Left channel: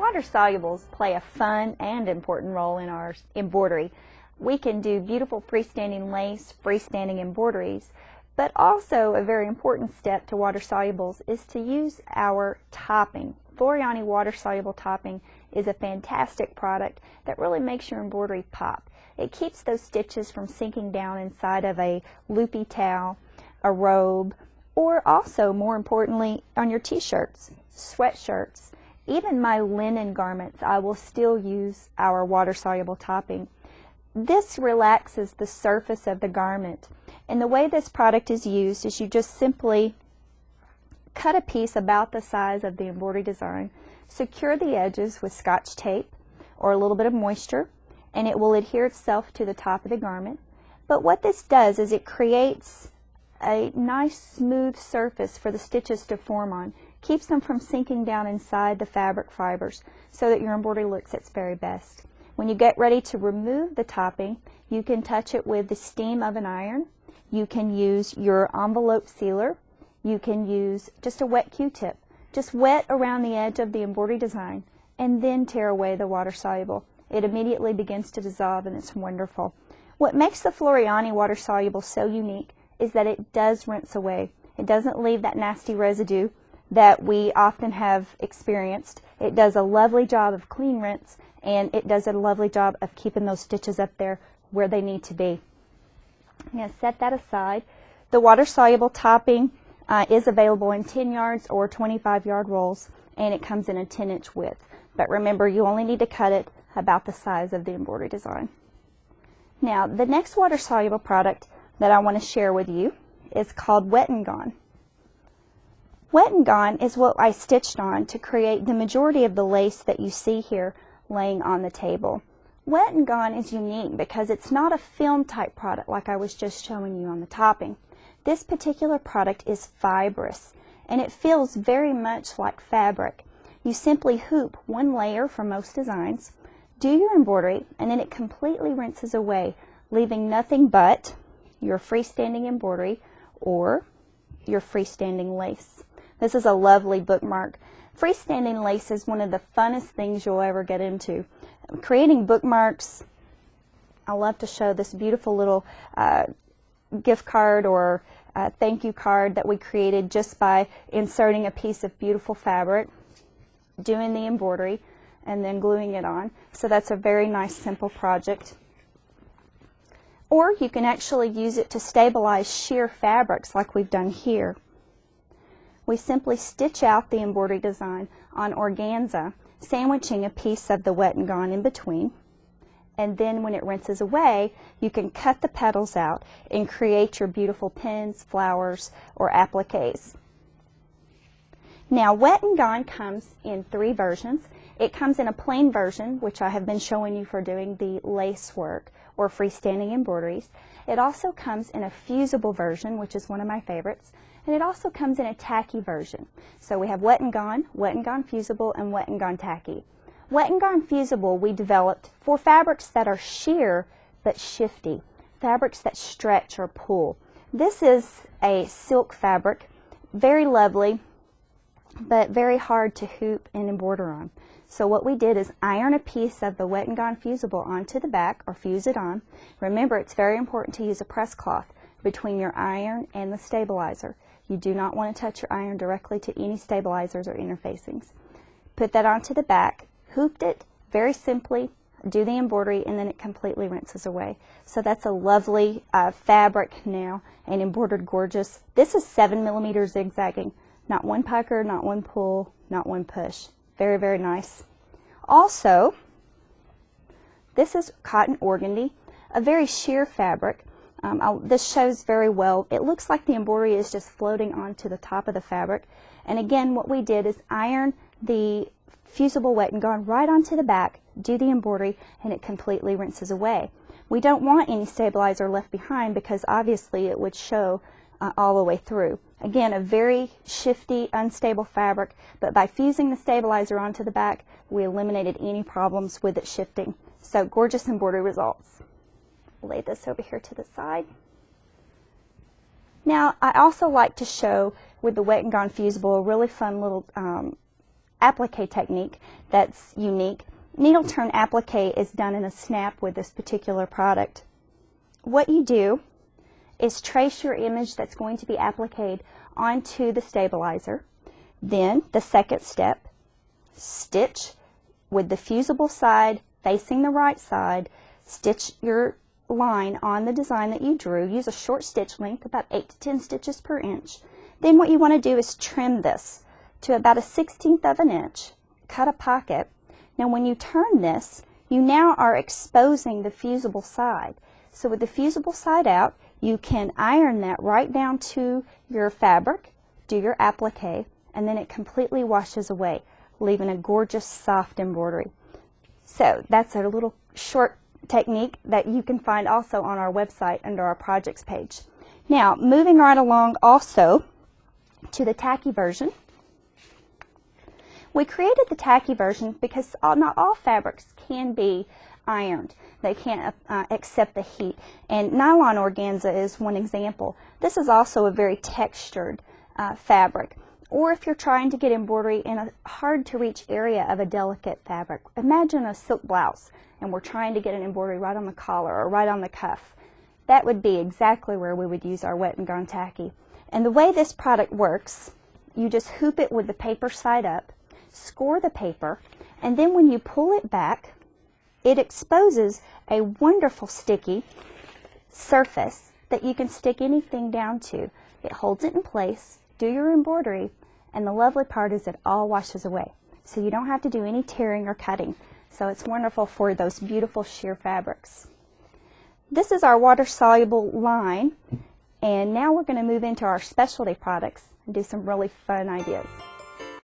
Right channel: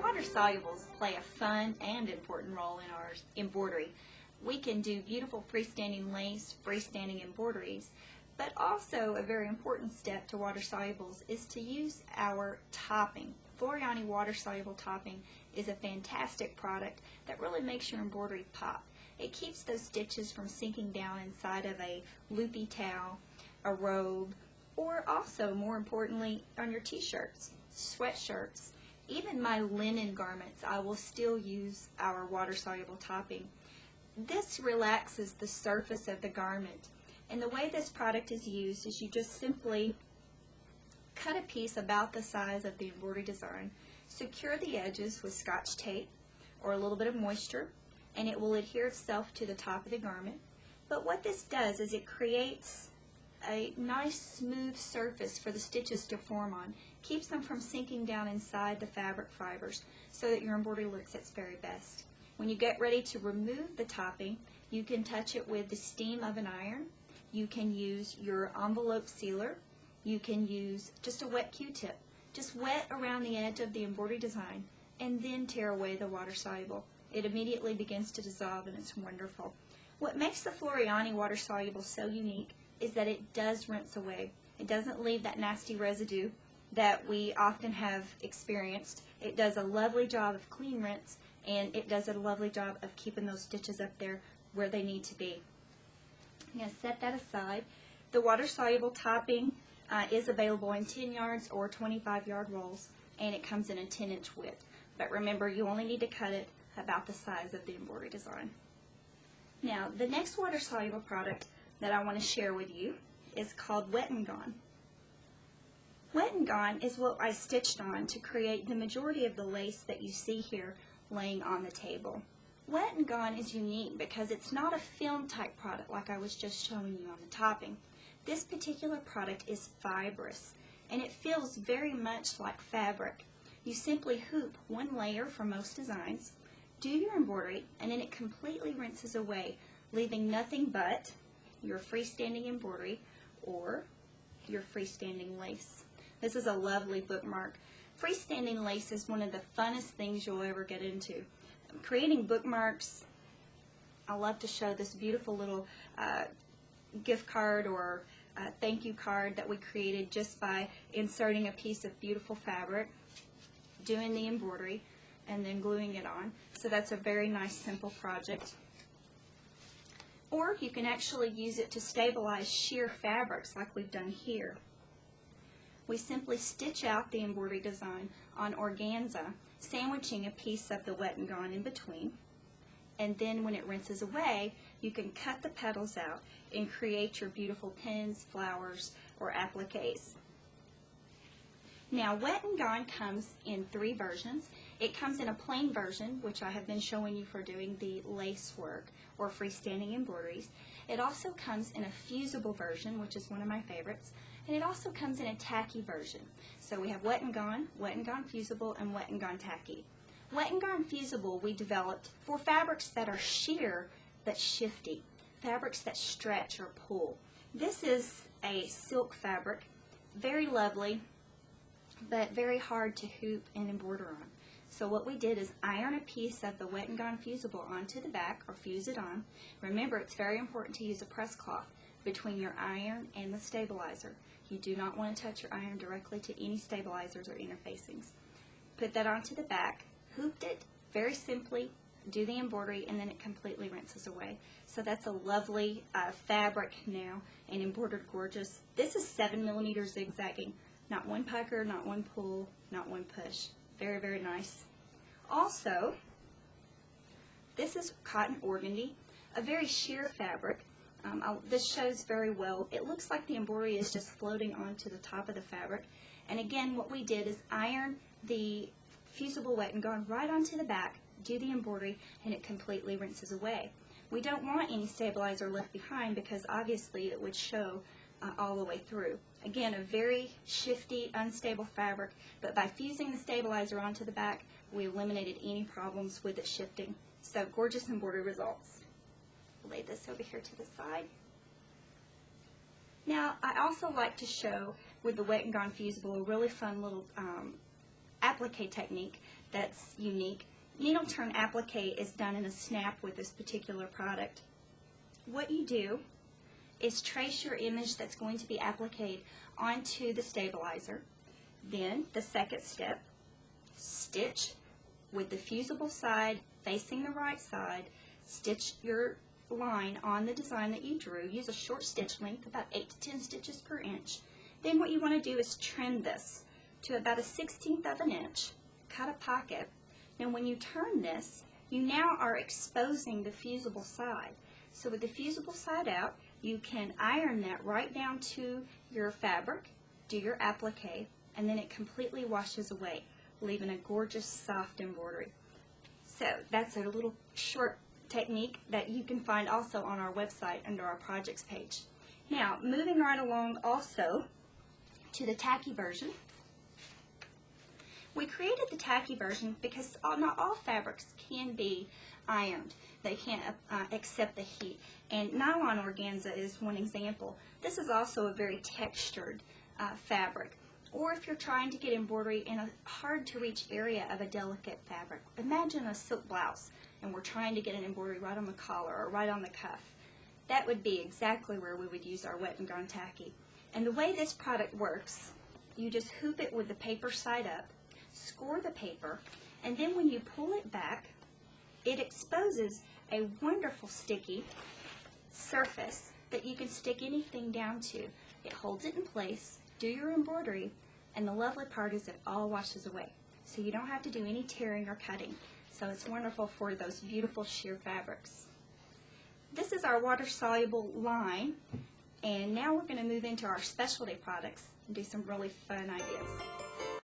Water solubles play a fun and important role in our embroidery. We can do beautiful freestanding lace, freestanding embroideries, but also a very important step to water solubles is to use our topping. Floriani water soluble topping is a fantastic product that really makes your embroidery pop. It keeps those stitches from sinking down inside of a loopy towel, a robe, or also, more importantly, on your t-shirts, sweatshirts. Even my linen garments, I will still use our water-soluble topping. This relaxes the surface of the garment. And the way this product is used is you just simply cut a piece about the size of the embroidery design, secure the edges with Scotch tape or a little bit of moisture, and it will adhere itself to the top of the garment. But what this does is it creates a nice smooth surface for the stitches to form on, keeps them from sinking down inside the fabric fibers so that your embroidery looks its very best. When you get ready to remove the topping, you can touch it with the steam of an iron. You can use your envelope sealer. You can use just a wet Q-tip. Just wet around the edge of the embroidery design and then tear away the water soluble. It immediately begins to dissolve and it's wonderful. What makes the Floriani water soluble so unique is that it does rinse away. It doesn't leave that nasty residue that we often have experienced. It does a lovely job of clean rinse, and it does a lovely job of keeping those stitches up there where they need to be. I'm going to set that aside. The water-soluble topping is available in 10 yards or 25-yard rolls, and it comes in a 10-inch width. But remember, you only need to cut it about the size of the embroidery design. Now, the next water-soluble product that I want to share with you is called Wet and Gone. Wet and Gone is what I stitched on to create the majority of the lace that you see here laying on the table. Wet and Gone is unique because it's not a film type product like I was just showing you on the topping. This particular product is fibrous and it feels very much like fabric. You simply hoop one layer for most designs, do your embroidery, and then it completely rinses away, leaving nothing but your freestanding embroidery or your freestanding lace. This is a lovely bookmark. Freestanding lace is one of the funnest things you'll ever get into. Creating bookmarks, I love to show this beautiful little gift card or thank you card that we created just by inserting a piece of beautiful fabric, doing the embroidery, and then gluing it on. So that's a very nice simple project. Or you can actually use it to stabilize sheer fabrics like we've done here. We simply stitch out the embroidery design on organza, sandwiching a piece of the Wet and Gone in between. And then when it rinses away, you can cut the petals out and create your beautiful pins, flowers, or appliques. Now, Wet and Gone comes in 3 versions. It comes in a plain version, which I have been showing you for doing the lace work or freestanding embroideries. It also comes in a fusible version, which is one of my favorites, and it also comes in a tacky version. So we have Wet and Gone Fusible, and Wet and Gone Tacky. Wet and Gone Fusible we developed for fabrics that are sheer but shifty, fabrics that stretch or pull. This is a silk fabric, very lovely, but very hard to hoop and embroider on. So what we did is iron a piece of the Wet and Gone Fusible onto the back, or fuse it on. Remember, it's very important to use a press cloth between your iron and the stabilizer. You do not want to touch your iron directly to any stabilizers or interfacings. Put that onto the back, hooped it very simply, do the embroidery, and then it completely rinses away. So that's a lovely fabric now, and embroidered gorgeous. This is 7mm zigzagging. Not one pucker, not one pull, not one push. Very, very nice. Also, this is cotton organdy, a very sheer fabric. This shows very well. It looks like the embroidery is just floating onto the top of the fabric. And again, what we did is iron the fusible Wet and Gone right onto the back, do the embroidery, and it completely rinses away. We don't want any stabilizer left behind because obviously it would show all the way through. Again, a very shifty, unstable fabric, but by fusing the stabilizer onto the back, we eliminated any problems with it shifting. So gorgeous embroidery results. Lay this over here to the side. Now, I also like to show with the Wet and Gone Fusible a really fun little applique technique that's unique. Needle turn applique is done in a snap with this particular product. What you do is trace your image that's going to be appliqued onto the stabilizer. Then the second step, stitch with the fusible side facing the right side, stitch your line on the design that you drew. Use a short stitch length, about 8 to 10 stitches per inch. Then what you want to do is trim this to about a 1/16 of an inch, cut a pocket. Now when you turn this, you now are exposing the fusible side. So with the fusible side out, you can iron that right down to your fabric, do your applique, and then it completely washes away, leaving a gorgeous soft embroidery. So that's a little short technique that you can find also on our website under our projects page. Now moving right along also to the tacky version. We created the tacky version because not all fabrics can be ironed. They can't accept the heat, and nylon organza is one example. This is also a very textured fabric. Or if you're trying to get embroidery in a hard to reach area of a delicate fabric. Imagine a silk blouse and we're trying to get an embroidery right on the collar or right on the cuff. That would be exactly where we would use our wet and gone tacky. And the way this product works, you just hoop it with the paper side up, score the paper, and then when you pull it back, it exposes a wonderful sticky surface that you can stick anything down to. It holds it in place, do your embroidery, and the lovely part is it all washes away. So you don't have to do any tearing or cutting. So it's wonderful for those beautiful sheer fabrics. This is our water-soluble line, and now we're going to move into our specialty products and do some really fun ideas.